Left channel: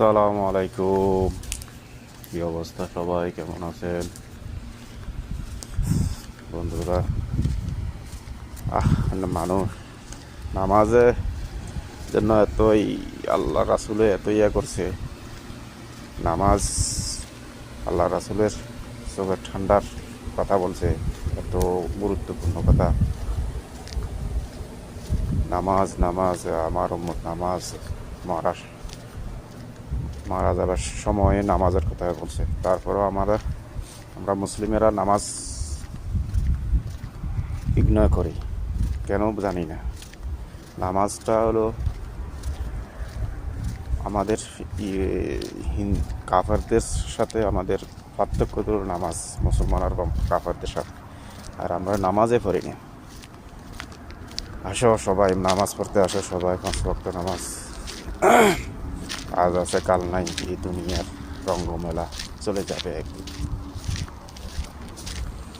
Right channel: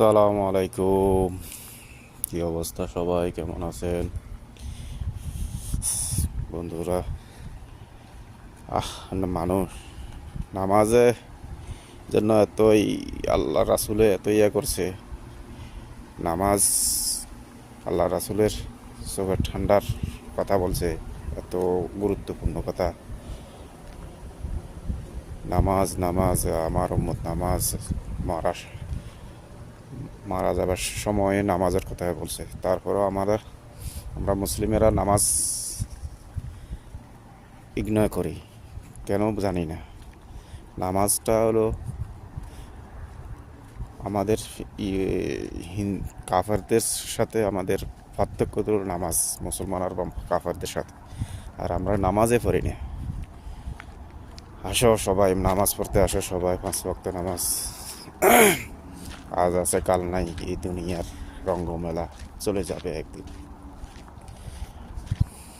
আসসালামু আলাইকুম। কি অবস্থা, সবাই কেমন আছেন বন্ধুরা? মানুষ নামাজে জন্য এতই আল্লাহ রাসুলে এত ইয়া করছে। নামাজ আল্লাহ রাসুলের চোখের ঠান্ডার কথা বলছে, এত গুরুত্বপূর্ণ কথা। নামাজ নামাজ আমার উম্মত নামাজ মারা মারা যাবার সময়ে নামাজের কথা বলছে। তারপরেও আমরা মুসলিমেরা নামাজ ইগনোর করি, কেন জানি না। নামাজটা হলো আমাদের কাফারদের সাথে আমাদের পার্থক্য হলো নামাজ, মুসলমান আর কাফারদের সাথে। আর আমরা নামাজে পড়ি না। আসো সবাই নামাজ পড়তে, আসো সবাই 5 ওয়াক্ত নামাজ। আজ আছে কাল নাই, এই দুনিয়ার রঙ্গমেলা চলে যাবে একদিন।